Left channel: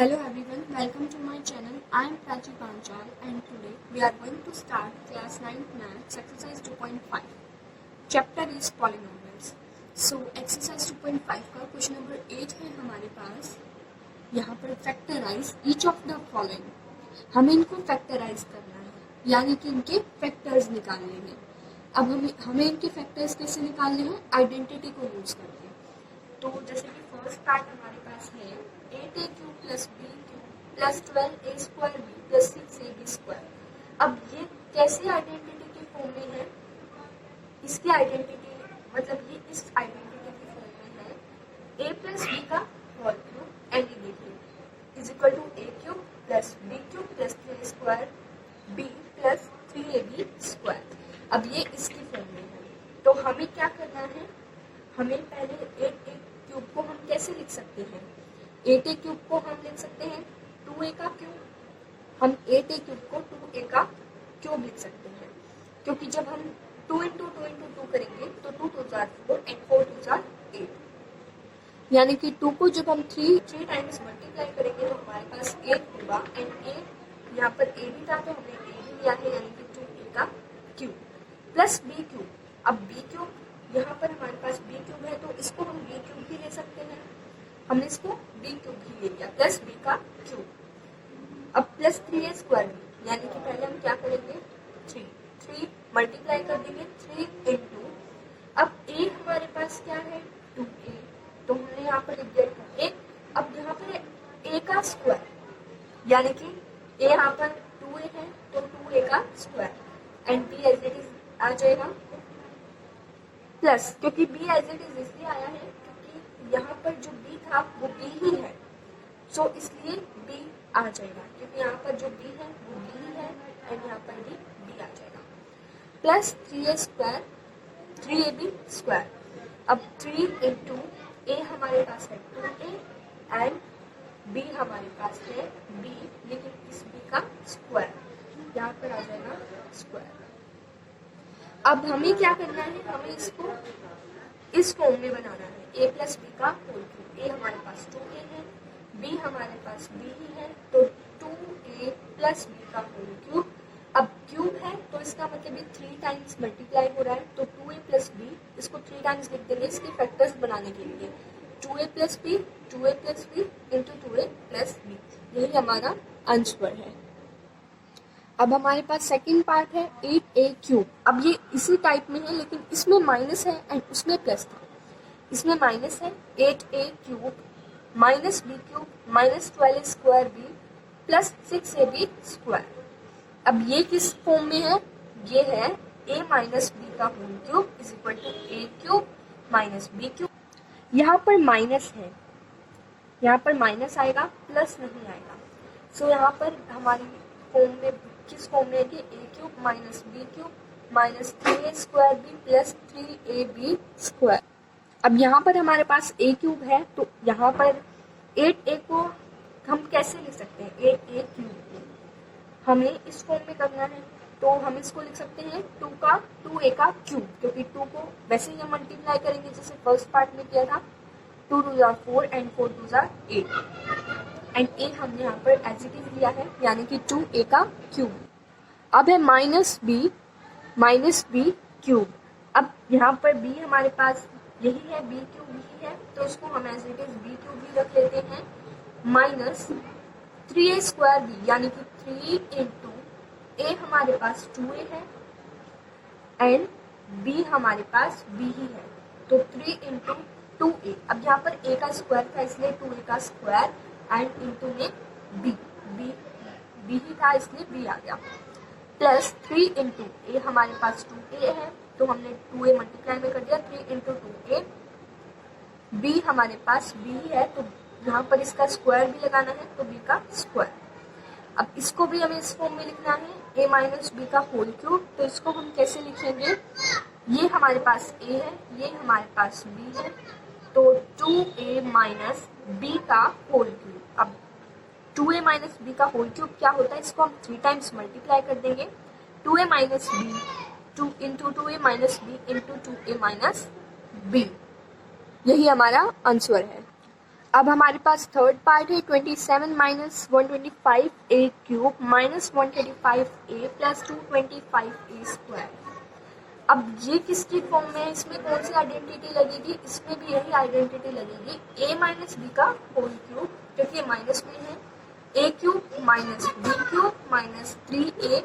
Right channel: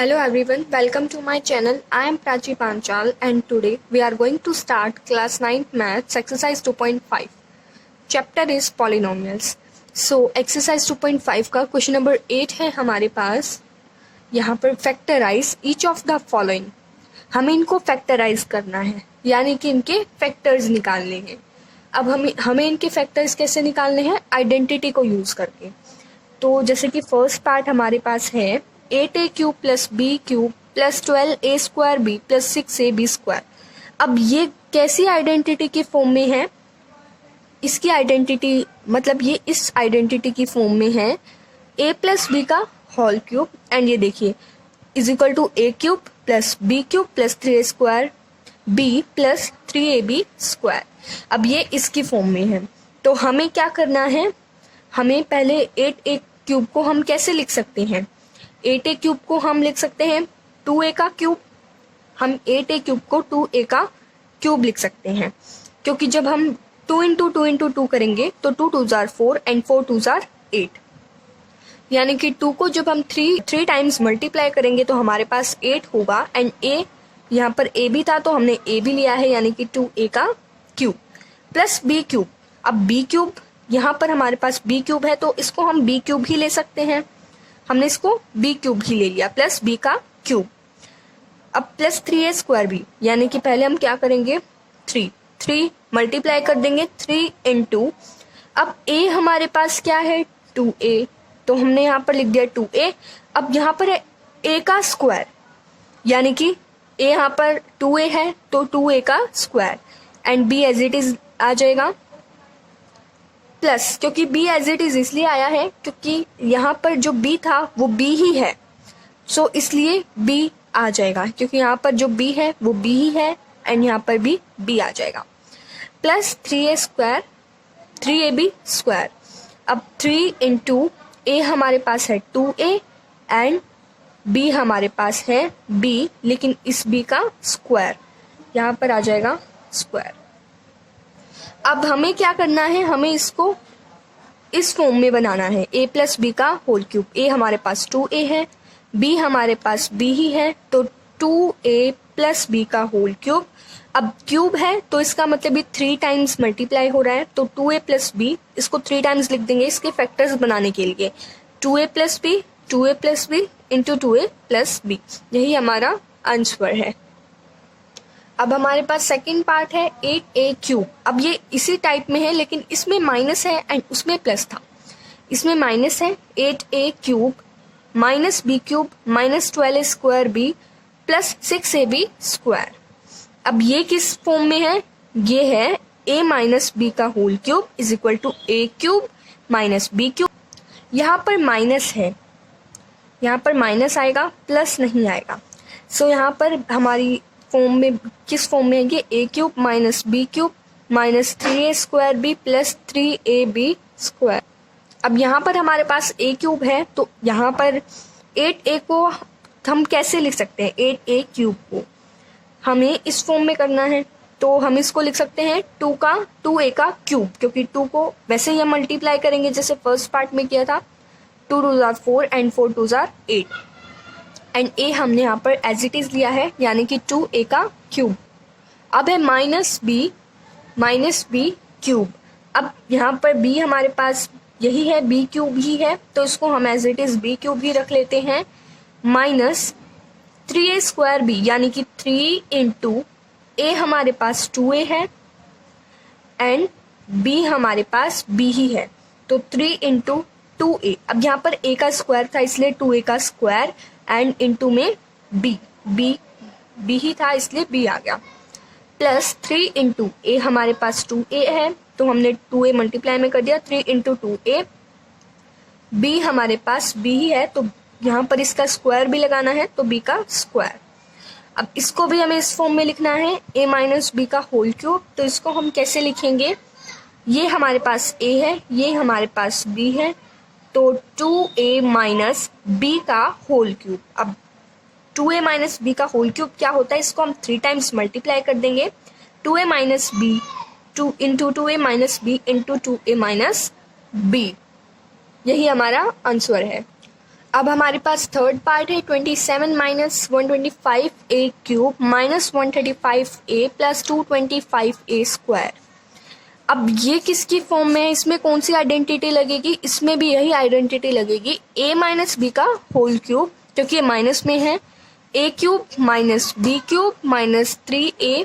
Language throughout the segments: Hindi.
Hello everyone, welcome to my channel. I am Prachi Panchal and today we are going to start class 9th maths exercise 2.5. Chapter is polynomials. So exercise 2.5 का क्वेश्चन नंबर 8 है हमारे पास. यहाँ पर factorise each of the following. हमें इनको फैक्टराइज करना है, यानी कि इनके फैक्टर्स निकालने हैं. अब हमें इनके फैक्टर्स कैसे निकालने हैं? आइडेंटिटी को यूज करके. तो जैसे कि फर्स्ट पार्ट हमारे पास है 8a cube plus B cube plus 12a square B plus 6ab square. अब ये कैसी आइडेंटिटी की फॉर्म में है? इसकी आइडेंटिटी मतलब ये इस आइडेंटिटी की फॉर्म में है a प्लस बी का होल क्यूब एंड ये देखिए is equal to a cube plus B cube plus 3a square b plus 3ab square. अब ये इसकी फॉर्म में है. तो हमें क्या करना है? हमें पहले 8a क्यूब को हम कैसे लिख सकते हैं? 8a क्यूब को हम लिख सकते हैं 2a का क्यूब. हम 8a क्यूब को 2a का क्यूब लिख सकते हैं, क्योंकि जब हम 2 इंटू 2 इंटू 2 करेंगे तो 2 2 जार 4 एंड 4 2 जार 8, यानी कि 2 को जब हम 3 टाइम्स मल्टीप्लाई करेंगे तो हमारे पास 8 होगा. एंड a यहाँ पर a भी था तो हमने a भी लिया है, यानी कि 2a का क्यूब प्लस b क्यूब. अब b क्यूब यहाँ पर हमारे पास b क्यूब है तो इसको हम b क्यूब ही ले सकते हैं. हमने इसको b क्यूब ही ले लिया प्लस b का क्यूब. अब प्लस 3a स्क्वायर बी, यानी कि पहले हम क्या करेंगे 3 मल्टीप्लाई कर देंगे 3 इंटू. अब a हमारे पास क्या है 2a, तो हमने यहाँ पर लिख दिया 2a. अब यहाँ पर है a का स्क्वायर, यानी कि a यहाँ पर 2a है तो 2a का square and b as it is आ जाएगा प्लस, क्योंकि b एज इट इज इसलिए आया है क्योंकि यहाँ पर जो b था वो b ही है, सो इसलिए b आ जाएगा, क्योंकि यहाँ पर जो b है वो b ही है एंड यहाँ पर भी b आ जाएगा plus 3a square 3ab square. अब 3 इंटू a हमारे पास है 2a एंड b हमारे पास है b, लेकिन इस b का स्क्वायर यहाँ पर आ जाएगा स्क्वायर. अब हमें क्या करना है? हमें इसको इस फॉर्म में बनाना है a प्लस बी का होल क्यूब. a हमारे पास 2a है, b हमारे पास b ही है तो 2a प्लस बी का होल क्यूब. अब क्यूब है तो इसका मतलब ये 3 टाइम्स मल्टीप्लाई हो रहा है, तो 2a प्लस बी इसको 3 टाइम्स लिख देंगे इसके फैक्टर्स बनाने के लिए. 2a plus B into 2a plus B, यही हमारा आंसर है. अब हमारे पास सेकंड पार्ट है 8a क्यूब. अब ये इसी टाइप में है लेकिन इसमें माइनस है एंड उसमें प्लस था. इसमें माइनस है 8a cube minus B cube minus 12a square B plus 6ab square. अब ये किस फॉर्म में है? ये है a माइनस बी का whole cube is equal to a cube minus B cube. यहाँ पर माइनस है, यहाँ पर माइनस आएगा प्लस नहीं आएगा. सो यहाँ पर हमारी फॉर्म में किस फॉर्म में है? ये a cube minus B cube minus 3a square B plus 3ab square. अब यहाँ पर हमारे पास a क्यूब है तो यहाँ पर 8a को हम कैसे लिख सकते हैं? 8a क्यूब को हमें इस फॉर्म में करना है तो हम इसको लिख सकते हैं 2a का क्यूब, क्योंकि 2 को वैसे ही हम मल्टीप्लाई करेंगे जैसे फर्स्ट पार्ट में किया था. 2 2 jar 4 and 4 2 jar 8 and a हमने यहाँ पर एज इट इज लिया है, यानी कि 2a का क्यूब. अब है माइनस बी क्यूब. अब यहाँ पर b हमारे पास यही है, b क्यूब ही है तो इसको हम as it is b cube ही रख लेते हैं माइनस 3a स्क्वायर बी, यानी कि 3 इंटू a हमारे पास 2a है एंड b हमारे पास b ही है तो 3 इंटू 2a. अब यहाँ पर a का स्क्वायर था इसलिए 2a का स्क्वायर एंड इंटू में b ही था इसलिए b आ गया प्लस 3 इंटू a हमारे पास 2a है तो हमने 2a मल्टीप्लाई में कर दिया 3 इंटू 2a. b हमारे पास b ही है तो यहाँ पर इसका स्क्वायर भी लगाना है तो b का स्क्वायर. अब इसको भी हमें इस फॉर्म में लिखना है a माइनस बी का होल क्यूब. तो इसको हम कैसे लिखेंगे? ये हमारे पास a है, ये हमारे पास b है तो 2a माइनस बी का होल क्यूब. अब 2a माइनस बी का होल क्यूब क्या होता है? इसको हम 3 टाइम्स मल्टीप्लाई कर देंगे 2a minus B 2 into 2a minus B into 2a minus B, यही हमारा आंसर है. अब हमारे पास थर्ड पार्ट है 27 minus 125a cube minus 135a plus 225a square. अब ये किसकी फॉर्म में है, इसमें कौन सी आइडेंटिटी लगेगी, इसमें भी यही आइडेंटिटी लगेगी a माइनस बी का होल क्यूब, क्योंकि ये माइनस में है, a cube minus B cube minus 3a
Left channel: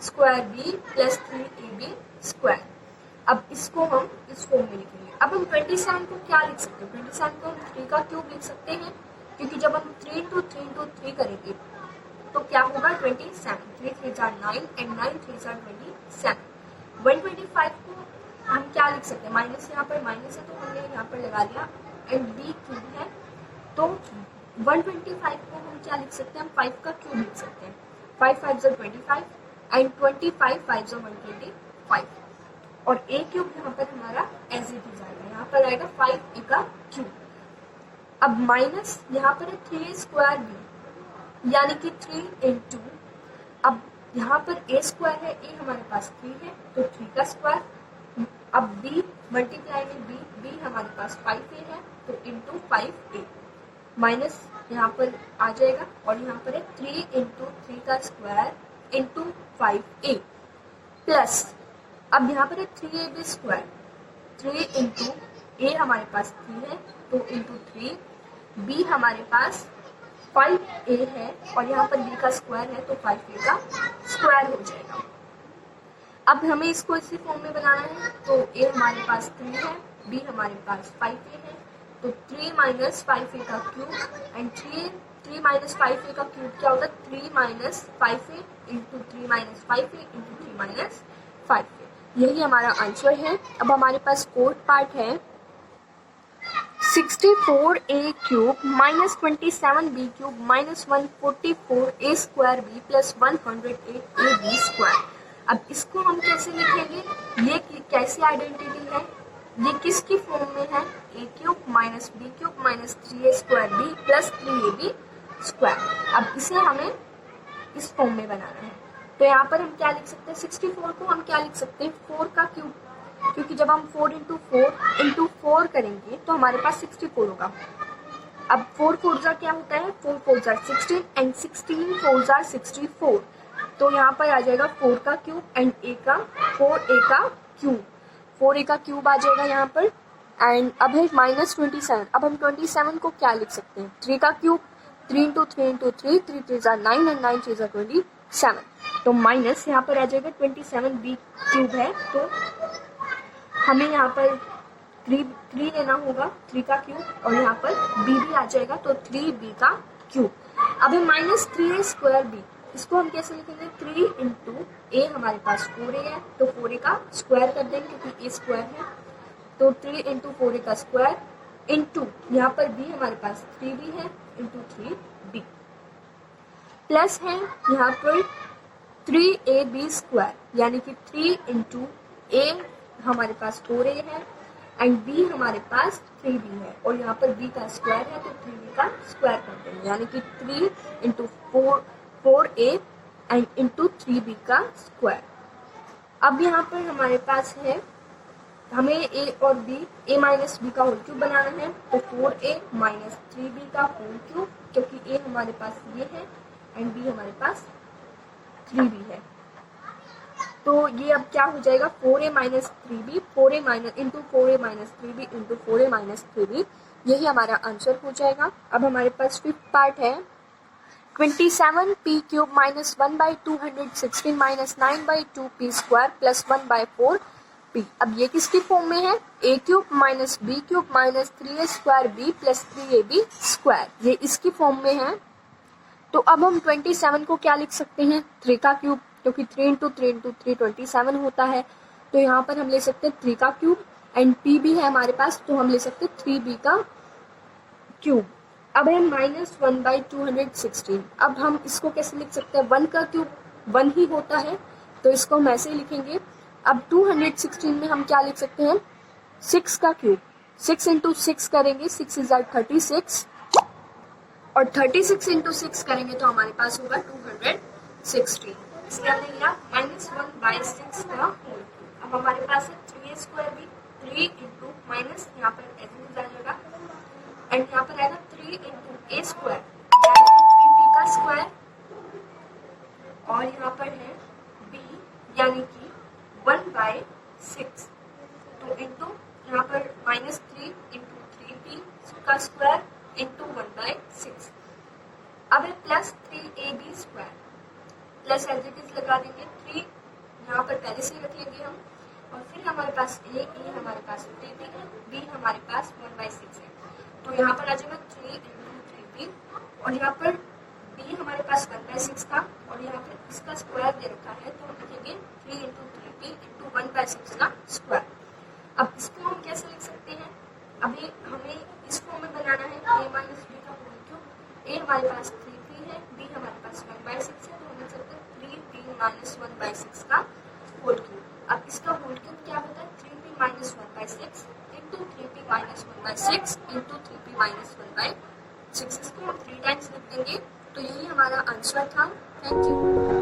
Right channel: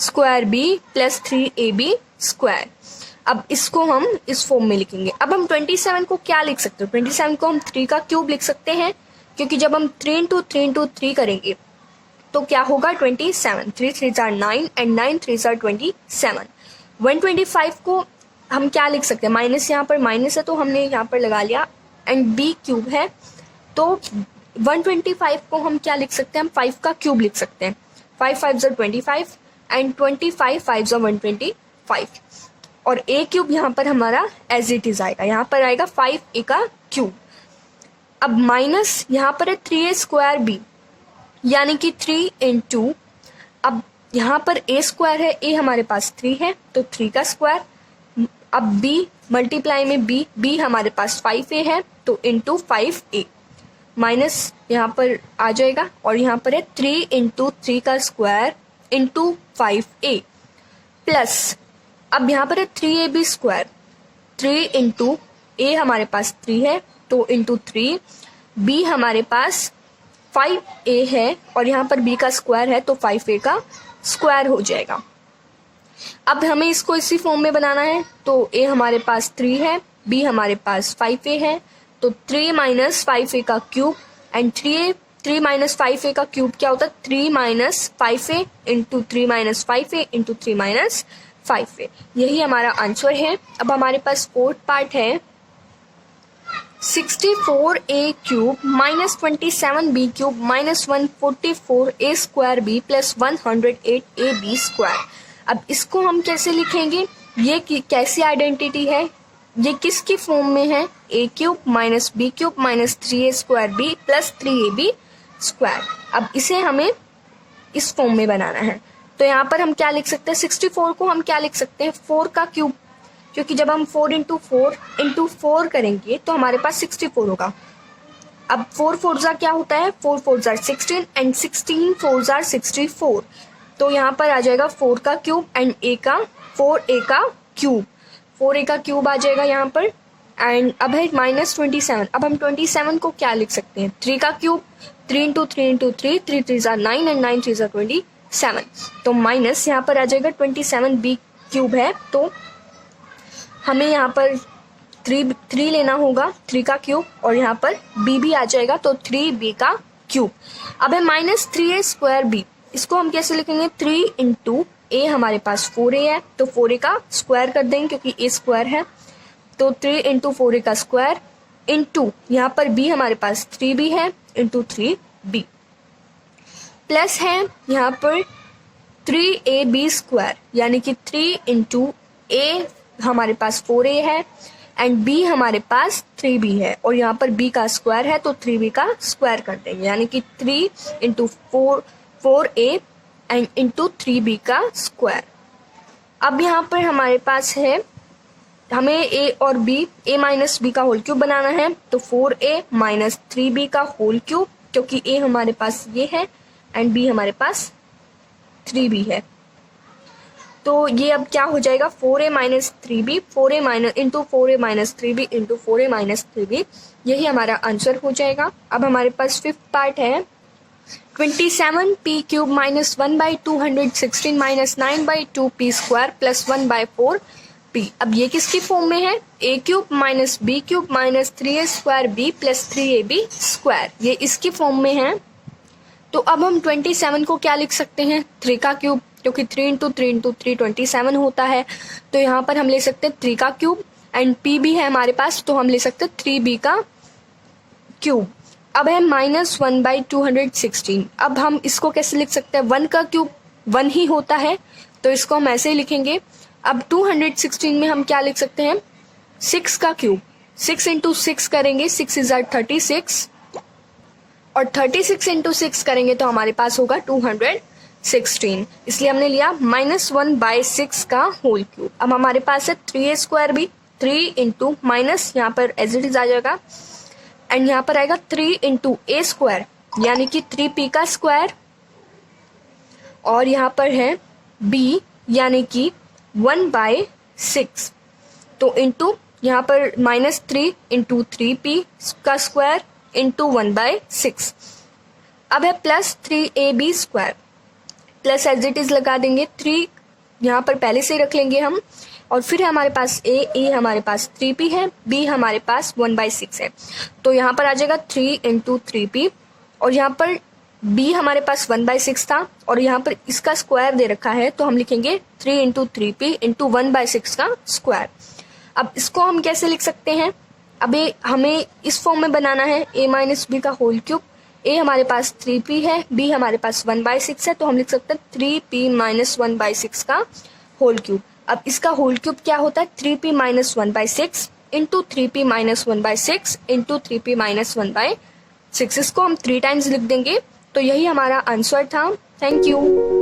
square b plus 3ab square. अब इसको हम इस फॉर्म में लिखेंगे। अब हम 27 को क्या लिख सकते हैं, 27 को हम 3 का क्यूब लिख सकते हैं, क्योंकि जब हम 3 इंटू 3 इंटू 3 करेंगे तो क्या होगा 27, 3 3 जार 9 एंड 9 3 जार 27। 125 को हम क्या लिख सकते हैं, माइनस यहाँ पर माइनस है तो हमने यहाँ पर लगा लिया, एंड बी क्यूब है तो 125 को हम क्या लिख सकते हैं, हम 5 का क्यूब लिख सकते हैं। 5 5 जार 25 एंड 25 5 जार 125, और ए क्यूब यहाँ पर हमारा एज इट इज आएगा, यहाँ पर आएगा 5a का क्यूब। अब माइनस यहाँ पर है 3a स्क्वायर बी, यानी कि 3 इंटू, अब यहाँ पर a स्क्वायर है, a हमारे पास 3 है तो 3 का स्क्वायर, अब b मल्टीप्लाई में b हमारे पास 5a है तो इंटू 5a, माइनस यहाँ पर आ जाएगा, और यहाँ पर है 3 इंटू 3 का स्क्वायर इंटू 5a प्लस, अब यहाँ पर है 3ab स्क्वायर, 3 इंटू a हमारे पास 3 है तो इंटू 3, b हमारे पास 5a है और यहाँ पर b का स्क्वायर है तो 5a का स्क्वायर हो जाएगा। अब हमें इसको इसी फॉर्म में बनाना है, तो a हमारे पास 3 है, b हमारे पास 5a है, तो 3 माइनस 5a का क्यूब, एंड 3 माइनस 5a का क्यूब क्या होता है, 3 minus 5a into 3 minus 5a into 3 minus 5a, यही हमारा आंसर है। अब हमारे पास फोर्थ पार्ट है 64a cube minus 27b cube minus 144a square b plus 108ab square. अब इसको हम कैसे लिखेंगे, ये कैसी आइडेंटिटी है, ये किसकी फॉर्म में है, a cube minus b cube minus 3a square b plus 3ab square. अब इसे हमें इस फॉर्म में बनाना है, तो यहाँ पर हम क्या लिख सकते हैं, 64 को हम क्या लिख सकते हैं, 4 का क्यूब, क्योंकि जब हम 4 इंटू 4 करेंगे तो हमारे पास 64 होगा। अब 4 4 जार क्या होता है, 4 4 जार 16 एंड 16 4 जार 64, तो यहाँ पर आ जाएगा 4 का क्यूब एंड 4a का क्यूब, 4a का क्यूब आ जाएगा यहाँ पर। एंड अब है माइनस 27, अब हम 27 को क्या लिख सकते हैं, 3 का cube, 3 into 3 into 3, 3 3 jar 9 and 9 3 jar 27, तो माइनस यहाँ पर आ जाएगा 27b क्यूब है, तो हमें यहाँ पर 3 लेना होगा, 3 का क्यूब, और यहाँ पर b भी आ जाएगा तो 3b का क्यूब। अब है माइनस 3a स्क्वायर b, इसको हम कैसे लिखेंगे, 3 इंटू a हमारे पास 4a है तो 4a का स्क्वायर कर देंगे क्योंकि a स्क्वायर है, तो 3 इंटू 4a का स्क्वायर इंटू यहाँ पर b हमारे पास 3b है इंटू 3b प्लस है यहाँ पर 3ab स्क्वायर, यानी कि 3 इंटू a हमारे पास 4a है एंड b हमारे पास 3b है, और यहाँ पर b का स्क्वायर है तो 3b का स्क्वायर कर देंगे, यानी कि 3 into 4a and into 3b का स्क्वायर। अब यहाँ पर हमारे पास है, हमें a और b, a माइनस b का होल क्यूब बनाना है, तो 4a माइनस 3b का होल क्यूब, क्योंकि a हमारे पास ये है एंड b हमारे पास 3b है, तो ये अब क्या हो जाएगा, 4a minus 3b, 4a minus into 4a minus 3b into 4a minus 3b, यही हमारा आंसर हो जाएगा। अब हमारे पास फिफ्थ पार्ट है 27p cube minus 1/216 minus 9/2p square plus 1/4p। अब ये किसकी फॉर्म में है, a cube minus b cube minus 3a square b plus 3ab square, ये इसकी फॉर्म में है। तो अब हम 27 को क्या लिख सकते हैं, 3 का क्यूब, क्योंकि 3 इंटू 3 इंटू 3 27 होता है, तो यहाँ पर हम ले सकते हैं 3 का क्यूब, एंड p भी है हमारे पास तो हम ले सकते हैं 3b का क्यूब। अब है माइनस 1/216, अब हम इसको कैसे लिख सकते हैं, 1 का क्यूब 1 ही होता है तो इसको हम ऐसे ही लिखेंगे। अब 216 में हम क्या लिख सकते हैं, 6 का क्यूब, 6 इंटू 6 करेंगे, 6 इज 36, और 36 इंटू 6 करेंगे तो हमारे पास होगा 216, इसलिए हमने लिया -1/6 का होल क्यूब। अब हमारे पास है 3a स्क्वायर भी, 3 इंटू माइनस यहाँ पर एज इट इज आ जाएगा एंड यहाँ पर आएगा 3 इंटू ए स्क्वायर यानी कि 3p का स्क्वायर, और यहाँ पर है b यानी कि 1/6, तो इंटू यहाँ पर -3 इंटू 3p का स्क्वायर इंटू 1/6। अब है plus 3ab square, plus as it is लगा देंगे, 3 यहाँ पर पहले से ही रख लेंगे हम, और फिर हमारे पास ए हमारे पास 3p है, b हमारे पास 1/6 है, तो यहाँ पर आ जाएगा 3 इंटू 3p, और यहाँ पर b हमारे पास 1/6 था और यहाँ पर इसका स्क्वायर दे रखा है, तो हम लिखेंगे 3 इंटू 3p इंटू 1/6 का स्क्वायर। अब इसको हम कैसे लिख सकते हैं, अभी हमें इस फॉर्म में बनाना है a माइनस बी का होल क्यूब। a हमारे पास 3p है, b हमारे पास 1/6 है, तो हम लिख सकते हैं 3p माइनस 1/6 का होल क्यूब। अब इसका होल क्यूब क्या होता है, 3p minus 1/6 into 3p minus 1/6 into 3p minus 1/6। इसको हम 3 टाइम्स लिख देंगे, तो यही हमारा आंसर था। Thank you.